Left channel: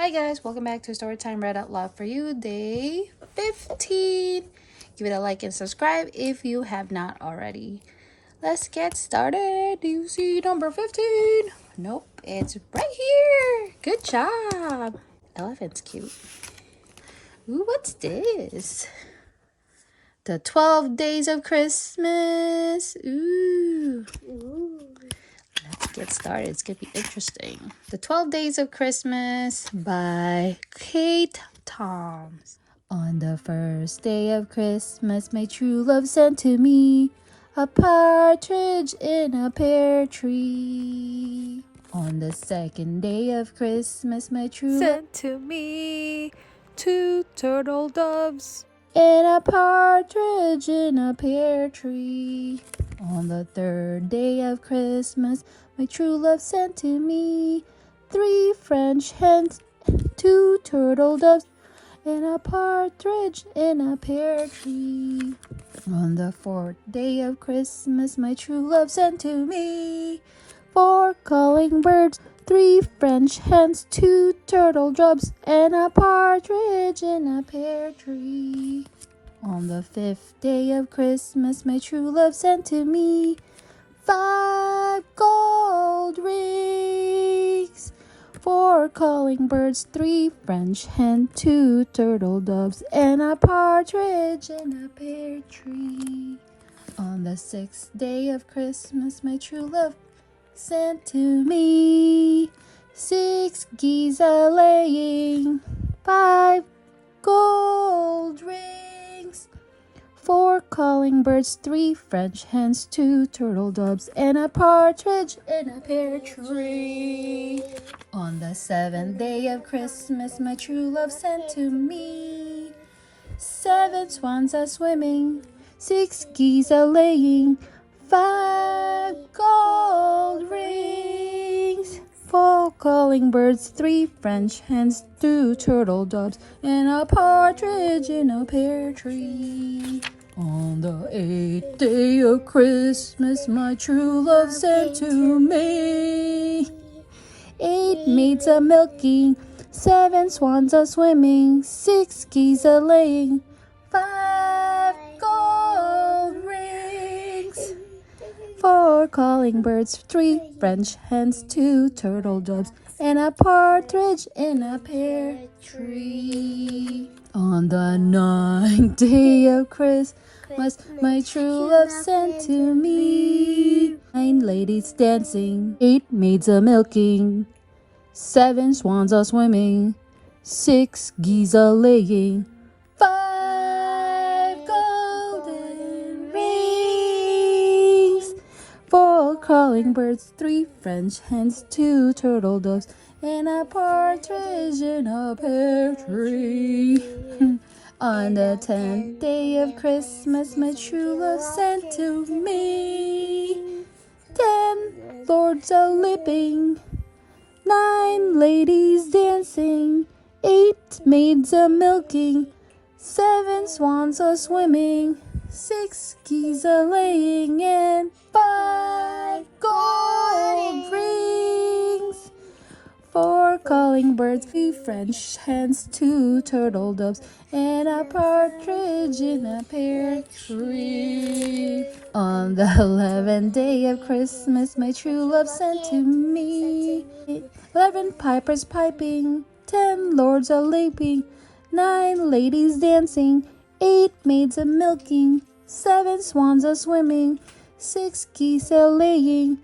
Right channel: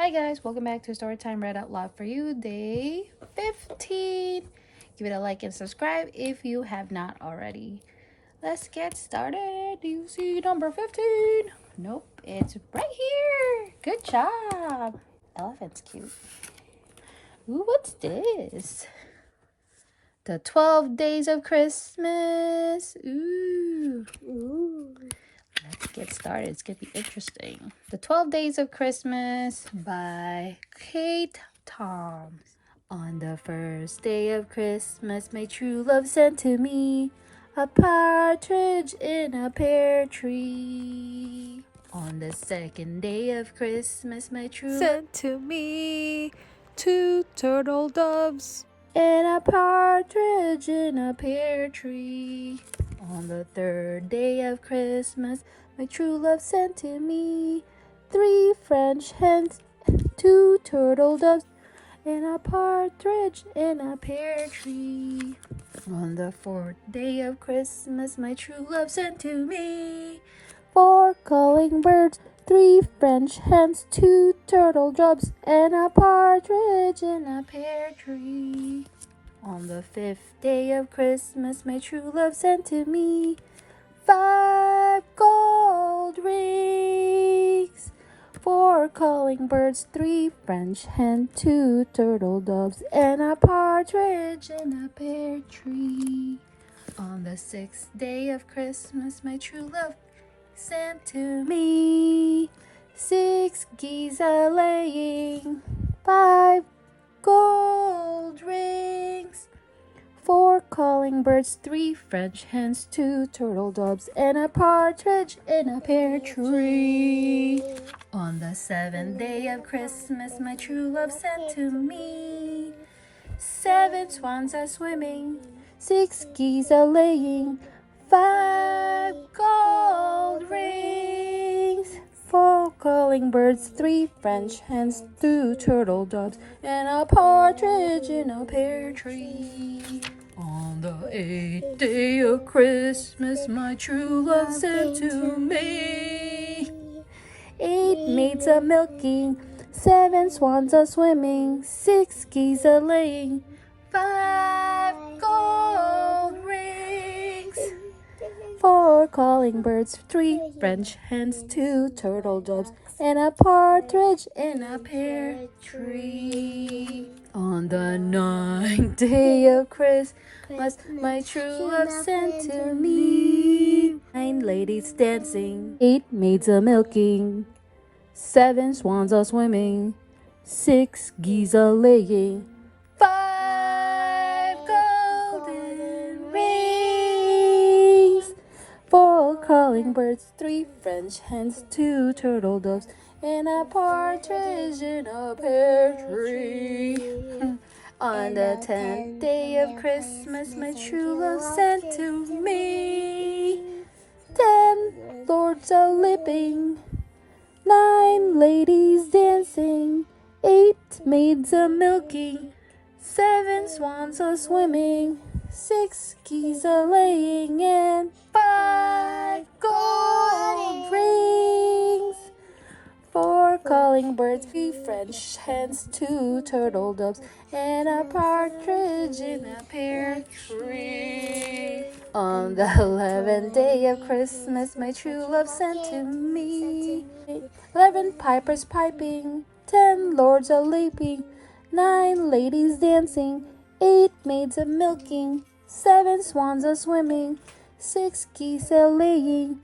Hi guys, welcome back to Storytime Read Out Loud for You, day 15. Give it a like and subscribe if you have not already. Let's get started. Do you see number 15? Nope, it's right here. Good job. Elephant's cute. Ooh, what's this? The 12 Days of Christmas. Ooh. Let's get started. It's going to be interesting. The 12 Days of Christmas by Kate Toms. On the first day of Christmas, my true love sent to me a partridge in a pear tree. On the second day of Christmas, my true love sent to me 2 turtle doves and a partridge in a pear tree. On the third day of Christmas, my true love sent to me 3 French hens, 2 turtle doves, and a partridge in a pear tree. On the fourth day of Christmas, my true love sent to me 4 calling birds, 3 French hens, 2 turtle doves, and a partridge in a pear tree. On the fifth day of Christmas, my true love sent to me 5 gold rings, 4 calling birds, 3 French hens, 2 turtle doves, and a partridge in a pear tree. On the sixth day of Christmas, my true love sent to me 6 geese a-laying, 5 gold rings, 4 calling birds, 3 French hens, 2 turtle doves, and a partridge in a pear tree. On the seventh day of Christmas, my true love sent to me 7 swans a-swimming, 6 geese a-laying, 5 gold rings, 4 calling birds, 3 French hens, 2 turtle doves, and a partridge in a pear tree. On the eighth day of Christmas, my true love sent to me 8 maids a-milking, 7 swans a-swimming, 6 geese a-laying, 5 gold rings, 4 calling birds, 3 French hens, 2 turtle doves, and a partridge in a pear tree. On the ninth day of Christmas, my true love sent to me 9 ladies dancing, 8 maids a-milking, 7 swans a-swimming, 6 geese a-laying, 5 golden rings, 4 calling birds, 3 French hens, 2 turtle doves, and a partridge in a pear tree. On the 10th day of Christmas, my true love sent to me 10 lords a-lipping, 9 ladies dancing, 8 maids a-milking, 7 swans a-swimming, 6 geese a-laying, and 5 gold rings, 4 calling birds, 3 French hens, 2 turtle doves, and a partridge in a pear tree. On the 11th day of Christmas, my true love sent to me 11 pipers piping, 10 lords a-leaping, 9 ladies dancing, 8 maids a-milking, 7 swans a-swimming, 6 geese a-laying,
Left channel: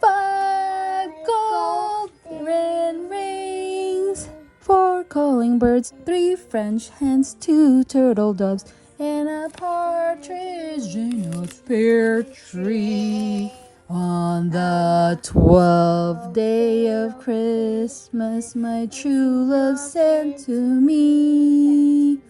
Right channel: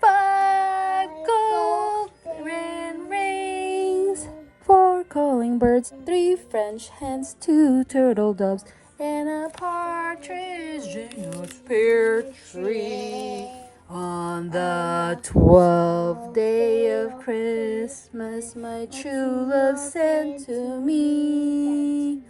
5 golden rings, 4 calling birds, 3 French hens, 2 turtle doves, and a partridge in a pear tree. On the 12th day of Christmas, my true love sent to me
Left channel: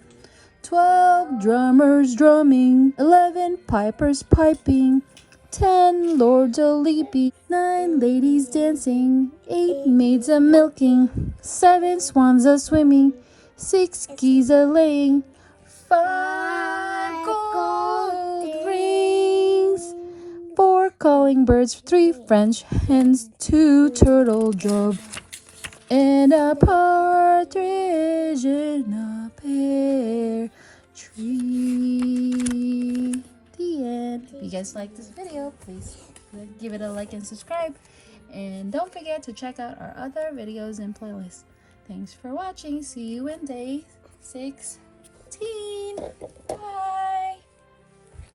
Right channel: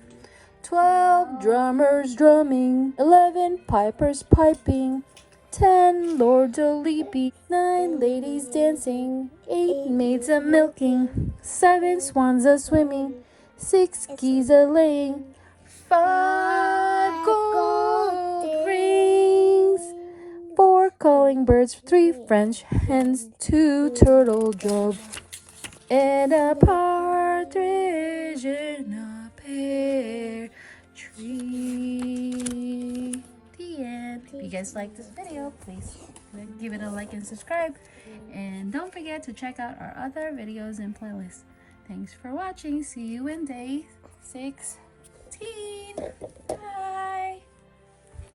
12 drummers drumming, 11 pipers piping, 10 lords a-leaping, 9 ladies dancing, 8 maids a-milking, 7 swans a-swimming, 6 geese a-laying, 5 gold rings, 4 calling birds, 3 French hens, 2 turtle doves, and a partridge partridge in a pear tree. The end. If you guys like this video, please give it a like and subscribe. And don't forget to check out our other videos and playlists. Thanks for watching. See you in day 16. Bye.